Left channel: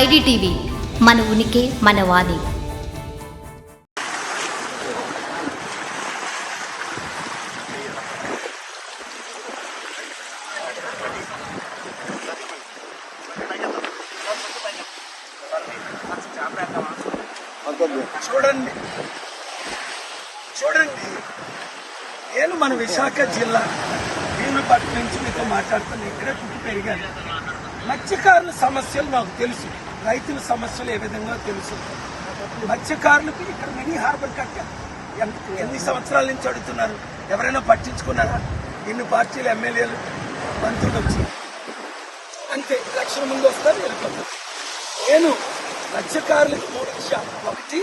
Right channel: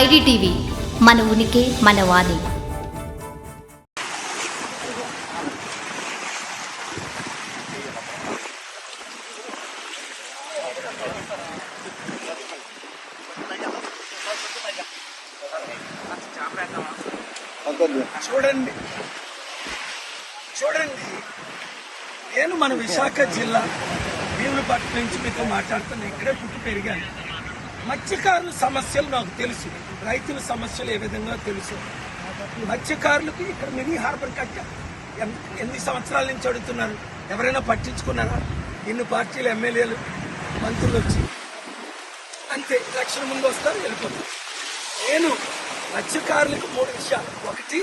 IDTV మన ఉనికి మన వాణి చూడండి చూడండి నేను మన విశాఖ జిల్లా భీములపట్నం నుంచి మీతో మాట్లాడుతున్నాను ఇక్కడే పుట్టి పెరిగాను మత్స్యకారుల సమస్యలు నాకు తెలుసు రైతుల సమస్యలు ఏ విధంగా తెలుసు మత్స్యకారులకు ఇక్కడ మినీ హార్బర్ కట్ట ఎన్ని సంవత్సరాల నుంచి అడుగుతున్నారు ఎవరైనా పట్టించుకున్నారా ఇన్ని పార్టీలు ఎమ్మెల్యేలు మంత్రులు వచ్చి అంతే ఎలక్షన్ ముందు వస్తారు వెళ్ళిపోతారు నేను మత్స్యకారులకు మూడు విషయాలు ఒకటి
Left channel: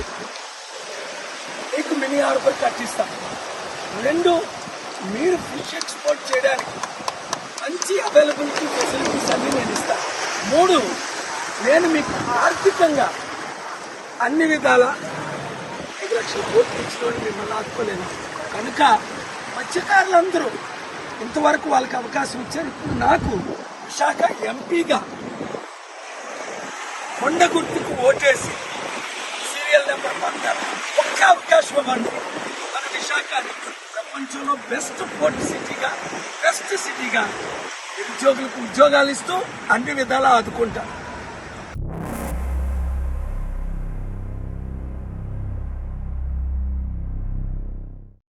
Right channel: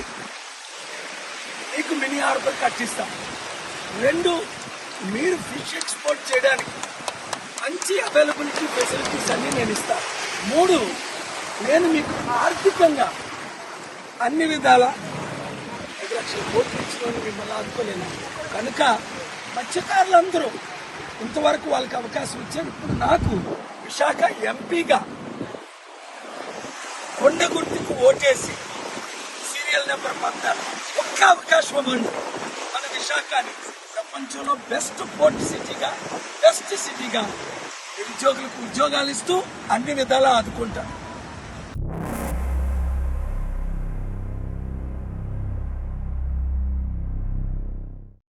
మీకు మినీ హార్బర్ కట్టిస్తాం రెండు మీరు ఫిష్ ఎక్స్పోర్ట్ చేయడానికి మంచి అవైలబిలిటీ ఫెసిలిటీస్ అన్ని నేను ఇస్తాను మూడు నేను మీకు ఆర్థికంగా అన్ని విధాల ఐదు లక్షల కోట్లు ఇచ్చినవని మిమ్మల్ని ఆదుకోలేను కనుక మత్స్యకారులందరూ ఇంతవరకు వాళ్ళకి అవకాశం ఇచ్చారు ఇప్పుడు నాకు విశాఖ ఎంపీగా కొండ గుర్తుకు ఓటేసి సీరియల్ నెంబర్ పంపారు ఒక్క అవకాశం ఇవ్వండి మన విశాఖని ప్రపంచంలో బెస్ట్ పోర్ట్ సిటీగా బెస్ట్ సిటీగా నిరుద్యోగులకు ఉద్యోగాలు ఇస్తూ అన్ని విధాలా ఆదుకుంటారు